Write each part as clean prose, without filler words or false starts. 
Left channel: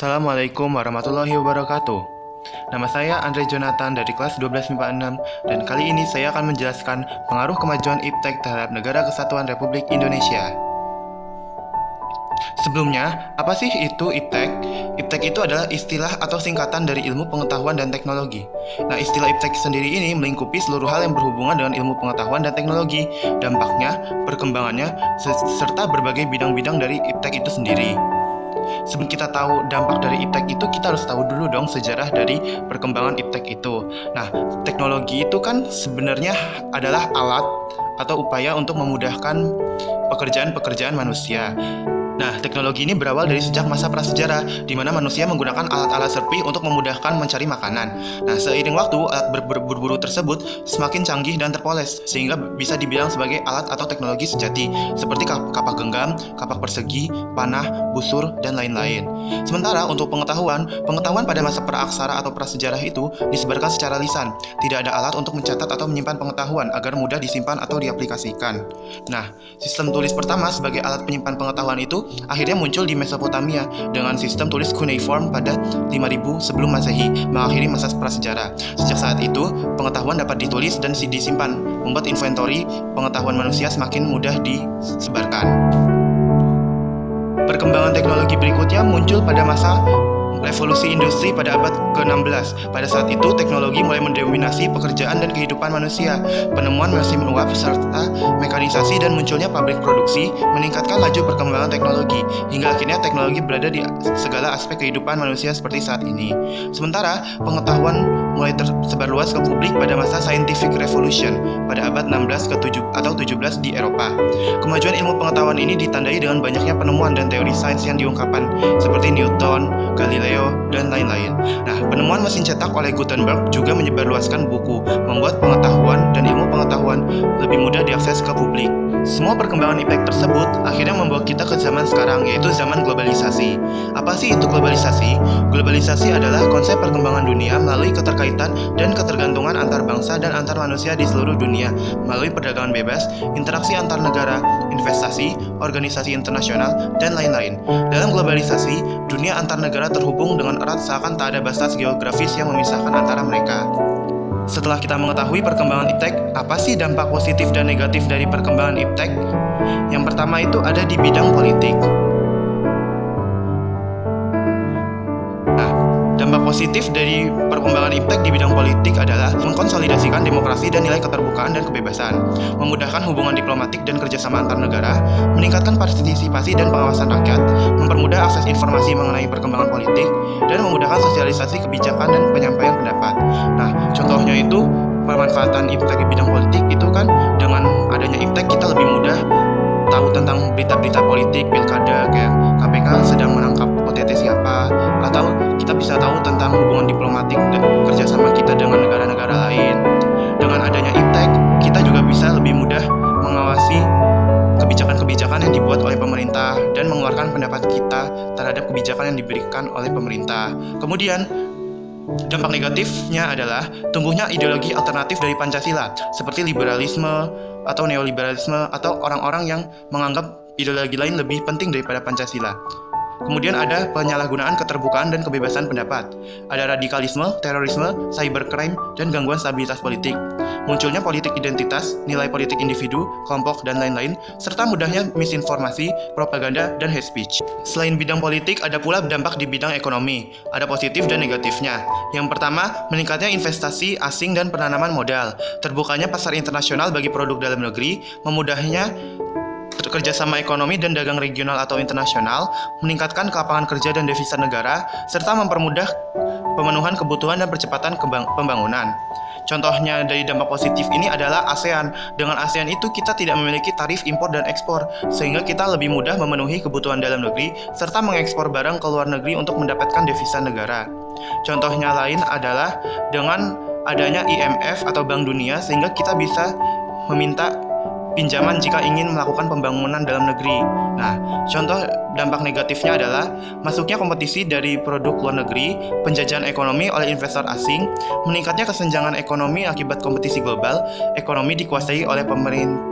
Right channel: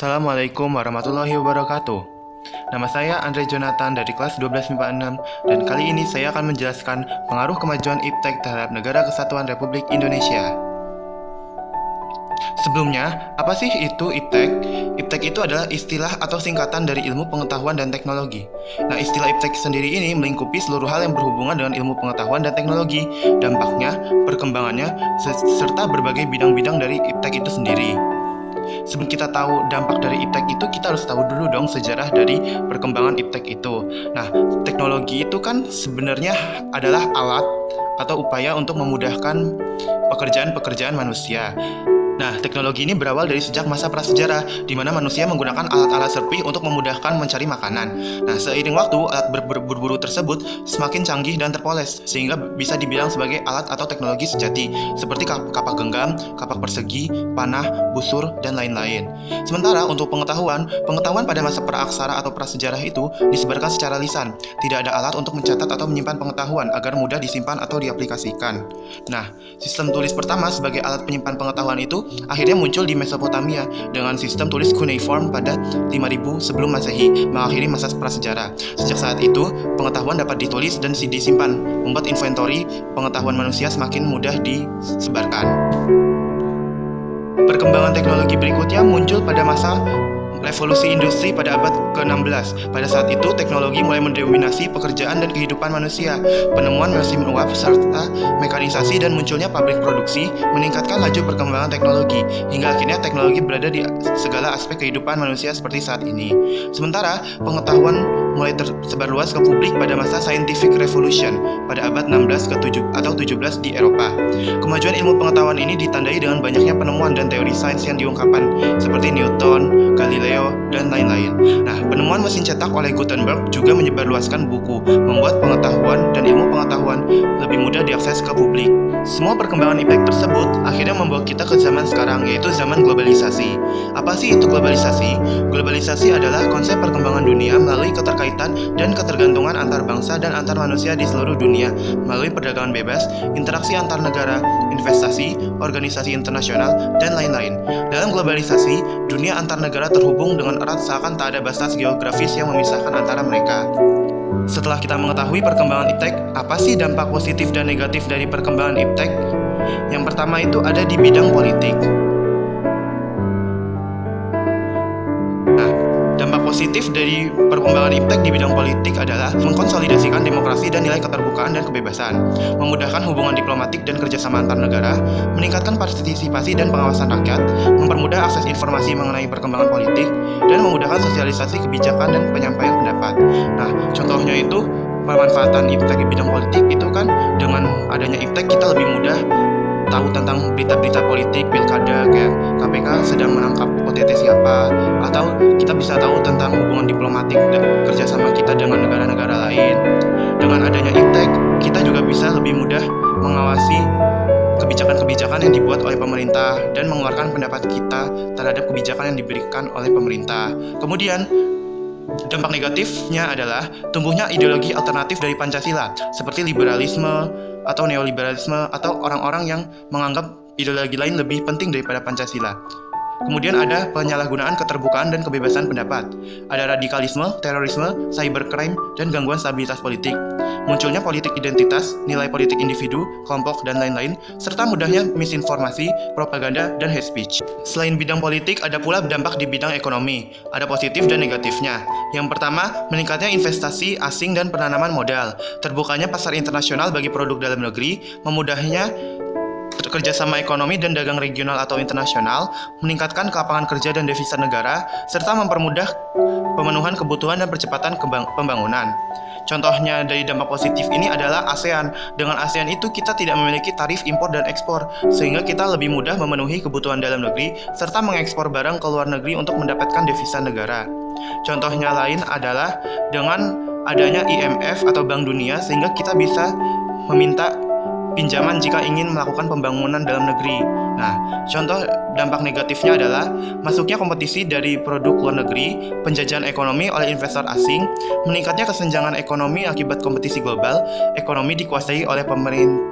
Assalamualaikum warahmatullahi wabarakatuh. Nama saya Andre Jonathan dari kelas 12 MIPA 6 dan kali ini saya akan menjelaskan pengaruh kemajuan IPTEK terhadap Negara Kesatuan Republik Indonesia. Sebelumnya, apa sih itu IPTEK? IPTEK itu adalah istilah atau singkatan dari ilmu pengetahuan dan teknologi. Nah, istilah IPTEK sendiri ini melingkupi seluruh hal yang berhubungan dengan ilmu pengetahuan dan teknologi, dampaknya, perkembangannya, serta berbagai bidang-bidang dari IPTEK itu sendiri. Sebelum kita tahu dampak dari IPTEK itu, kita harus tahu dulu dong sejarah dari perkembangan IPTEK itu. Nah, teknologi itu kan sebenarnya adalah alat atau upaya untuk memudahkan pekerjaan-pekerjaan manusia. Nah, teknologi ini berawal dari sejak masa prasejarah, di mana manusia menggunakan alat-alat serpih untuk memudahkan mencari makanan. Nah, seiring waktu, alat berburu tersebut semakin canggih dan terpoles, sehingga bisa dibilang sebagai alat atau teknologi sejati, seperti kapak genggam, kapak persegi, panah, busur, dan lain-lain. Sementara untuk pengetahuan pada masa praaksara atau prasejarah itu disebarkan secara lisan. Tidak ada alat untuk mencatat atau menyimpan pengetahuan agar mudah disimpan atau diaplikasikan. Nah, sistem tulis pertama sebagai alat penyimpan pengetahuan itu akhirnya muncul di Mesopotamia dengan sistem tulis cuneiform pada 5000 sebelum Masehi, mengakhiri masa prasejarah. Sejak saat itu, pengetahuan dapat ditulis dan disimpan, membuat inventory pengetahuan manusia semakin mudah disebarkan. Perkembangan teknologi berikutnya muncul pada masa revolusi industri pada abad ke-16. Pada saat itu, teknologi mulai mendominasi pekerjaan dan kehidupan manusia. Penemuan mesin uap serta mekanisasi dan munculnya pabrik produksi meningkatkan laju perkembangan teknologi, hingga akhirnya teknologi berada di segala aspek kehidupan manusia seperti saat ini. Sementara, pengetahuan mulai tersebar luas ke publik pada masa scientific revolution pada abad 16 atau 17 di Eropa. Kemajuan ilmu pengetahuan ini ditandai dengan banyaknya penemuan dan teori sains yang diungkapkan, seperti Newton, Galileo, dan lain-lain. Nah, penemuan mesin cetak oleh Gutenberg juga menyebarluaskan buku, membuat pengetahuan dan ilmu pengetahuan lebih mudah diakses ke publik. Semua perkembangan IPTEK tersebut akhirnya membawa kita ke zaman sekarang, yaitu zaman globalisasi. Apa sih itu globalisasi? Globalisasi adalah konsep perkembangan dunia melalui keterkaitan dan ketergantungan antar bangsa dan antar manusia di seluruh dunia, melalui perdagangan bebas, interaksi antar negara, investasi, organisasi internasional, dan lain-lain. Dalam globalisasi, dunia antar negara terhubung dengan erat seakan tak ada batas geografis yang memisahkan antara mereka. Setelah kita mengetahui perkembangan IPTEK, apa sih dampak positif dan negatif dari perkembangan IPTEK? Yang pertama itu ada di bidang politik. Nah, dampak positif dari perkembangan IPTEK di bidang politik adalah mengkonsolidasikan demokrasi dan nilai keterbukaan dan kebebasan, memudahkan hubungan diplomatik dan kerjasama antar negara, meningkatkan partisipasi dan pengawasan rakyat, mempermudah akses informasi mengenai perkembangan politik, dan memudahkan sosialisasi kebijakan dan penyampaian pendapat. Nah, contohnya itu pemanfaatan IPTEK di bidang politik itu kan dengan adanya IPTEK kita lebih mudah tahu tentang berita-berita politik, pilkada, kayak KPK sedang menangkap OTT siapa, atau kita bisa tahu tentang hubungan diplomatik dan kerjasama kita dengan negara-negara lain. Dengan adanya IPTEK, kita juga bisa lebih mudah mengawasi kebijakan-kebijakan yang dibuat oleh pemerintah dan mengeluarkan pendapat kita terhadap kebijakan yang diberikan oleh pemerintah. Kemudian, dampak negatifnya adalah tumbuhnya ideologi alternatif dari Pancasila, seperti liberalisme atau neoliberalisme, atau orang-orang yang menganggap ideologi lain lebih penting daripada Pancasila. Kemudian ada penyalahgunaan keterbukaan dan kebebasan pendapat. Ada radikalisme, terorisme, cybercrime, dan gangguan stabilitas politik. Munculnya politik identitas, nilai politik individu, kelompok, dan lain-lain, serta mudahnya misinformasi, propaganda, dan hate speech. Selain bidang politik, ada pula dampak di bidang ekonomi. Ada positif dan negatifnya. Yang pertama, meningkatnya investasi asing dan penanaman modal. Terbukanya pasar internasional bagi produk dalam negeri, memudahnya kerjasama ekonomi dan dagang regional atau internasional, meningkatkan lapangan kerja dan devisa negara, serta mempermudah pemenuhan kebutuhan dan percepatan pembangunan. Contohnya dari dampak positif ini adalah ASEAN. Dengan ASEAN itu kita tidak memiliki tarif impor dan ekspor, sehingga kita lebih mudah memenuhi kebutuhan dalam negeri, serta mengekspor barang ke luar negeri untuk mendapatkan devisa negara. Contohnya lain adalah dengan adanya IMF atau Bank Dunia, sehingga kita bisa meminta pinjaman jika ingin melakukan pembangunan dalam negeri. Nah, contoh dampak negatifnya adalah masuknya kompetisi dari produk luar negeri, penjajahan ekonomi oleh investor asing, meningkatnya kesenjangan ekonomi akibat kompetisi global, ekonomi dikuasai oleh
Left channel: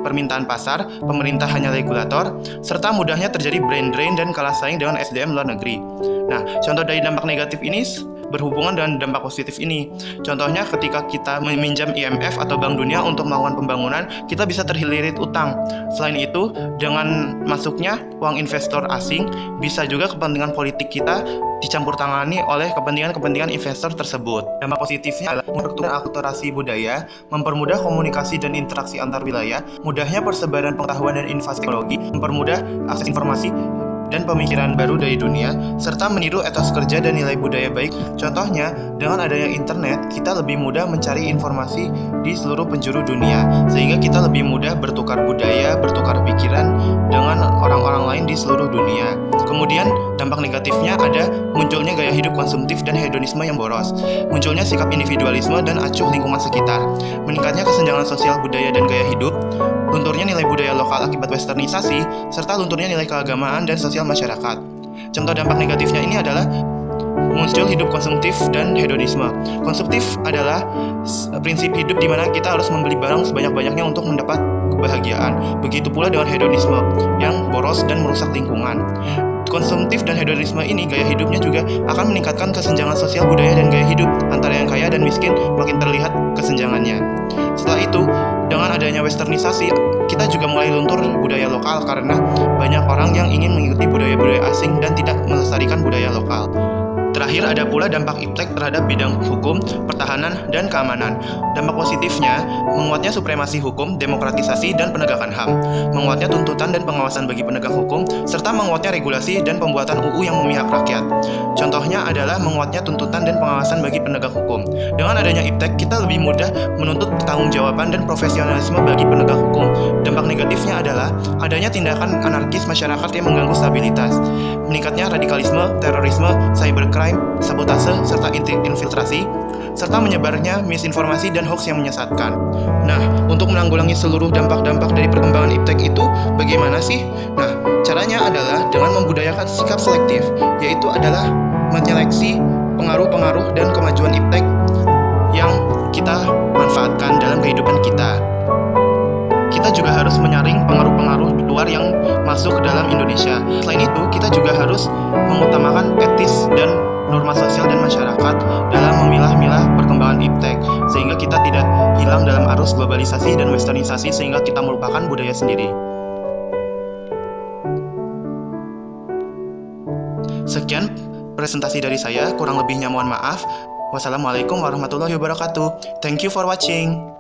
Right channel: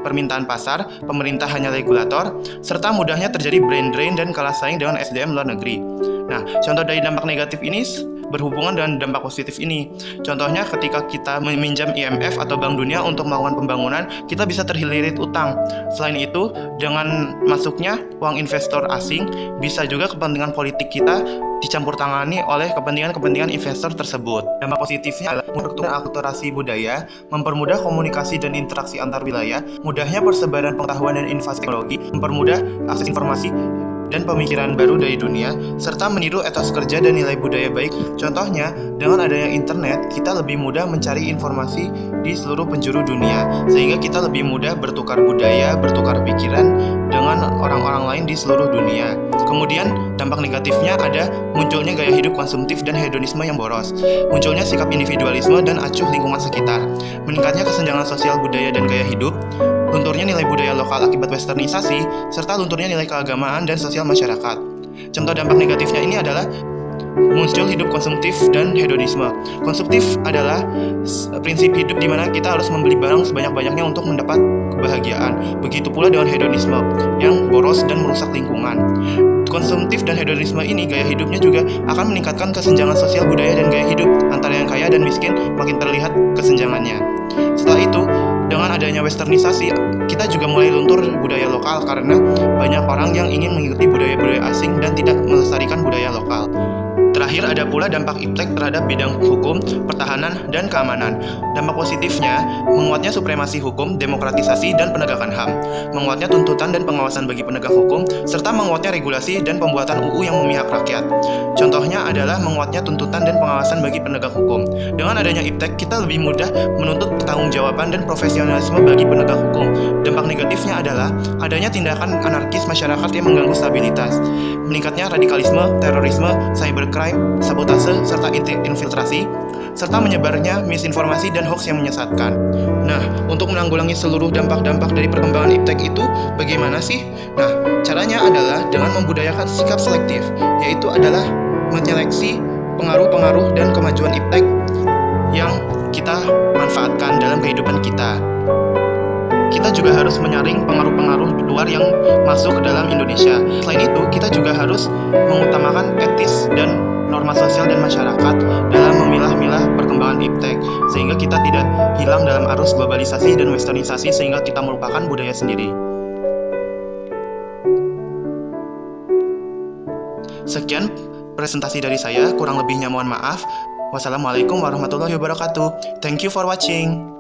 permintaan pasar, pemerintah hanya regulator, serta mudahnya terjadi brain drain dan kalah saing dengan SDM luar negeri. Nah, contoh dari dampak negatif ini berhubungan dengan dampak positif ini. Contohnya ketika kita meminjam IMF atau Bank Dunia untuk melakukan pembangunan, kita bisa terlilit utang. Selain itu, dengan masuknya uang investor asing, bisa juga kepentingan politik kita dicampur tangani oleh kepentingan investor tersebut. Dampak positifnya adalah memperkuat akulturasi budaya, mempermudah komunikasi dan interaksi antar wilayah, mudahnya persebaran pengetahuan dan inovasi teknologi, mempermudah akses informasi dan pemikiran baru dari dunia, serta meniru etos kerja dan nilai budaya baik. Contohnya, dengan adanya internet, kita lebih mudah mencari informasi di seluruh penjuru dunia, sehingga kita lebih mudah bertukar budaya, bertukar pikiran dengan orang-orang lain di seluruh dunia. Kemudian, dampak negatifnya ada munculnya gaya hidup konsumtif dan hedonisme yang boros, munculnya sikap individualisme dan acuh lingkungan sekitar, meningkatnya kesenjangan sosial budaya dan gaya hidup, lunturnya nilai budaya lokal akibat westernisasi, serta lunturnya nilai keagamaan dan sosial masyarakat. Contoh dampak negatifnya ini adalah muncul hidup konsumtif dan hedonisme. Konsumtif adalah prinsip hidup di mana kita harus membeli barang sebanyak-banyaknya untuk mendapat kebahagiaan. Begitu pula dengan hedonisme yang boros dan merusak lingkungan. Konsumtif dan hedonisme ini gaya hidupnya juga akan meningkatkan kesenjangan sosial budaya dan gaya hidup antara yang kaya dan miskin, makin terlihat kesenjangannya. Setelah itu, dengan adanya westernisasi, kita juga mulai luntur budaya lokal karena banyak orang yang ingin mengikuti budaya-budaya asing dan tidak melestarikan budaya lokal. Terakhir, ada pula dampak iptek terhadap bidang hukum, pertahanan, dan keamanan. Dampak positifnya, menguatnya supremasi hukum, demokratisasi, dan penegakan HAM, menguatnya tuntutan dan pengawasan bagi penegak hukum, serta menguatnya regulasi dan pembuatan UU yang memihak rakyat. Contohnya adalah menguatnya tuntutan dan pengawasan bagi penegak hukum. Dengan adanya iptek, kita lebih mudah menuntut pertanggungjawaban dan profesionalisme bagi penegak hukum. Dampak negatifnya adalah adanya tindakan anarkis masyarakat yang mengganggu stabilitas, meningkatnya radikalisme, terorisme, cybercrime, sabotase, serta infiltrasi, serta menyebarnya misinformasi dan hoax yang menyesatkan. Nah, untuk menanggulangi seluruh dampak-dampak dari perkembangan iptek itu, bagaimana sih? Nah, caranya adalah dengan membudayakan sikap selektif, yaitu adalah menyeleksi pengaruh-pengaruh dan kemajuan iptek yang kita manfaatkan dalam kehidupan kita. Kita juga harus menyaring pengaruh-pengaruh luar yang masuk ke dalam Indonesia. Selain itu, kita juga harus mengutamakan etis dan norma sosial dan masyarakat dalam memilah-milah perkembangan iptek, sehingga kita tidak hilang dalam arus globalisasi dan westernisasi, sehingga kita melupakan budaya sendiri. Sekian presentasi dari saya, kurang lebihnya mohon maaf. Wassalamualaikum warahmatullahi wabarakatuh. Thank you for watching.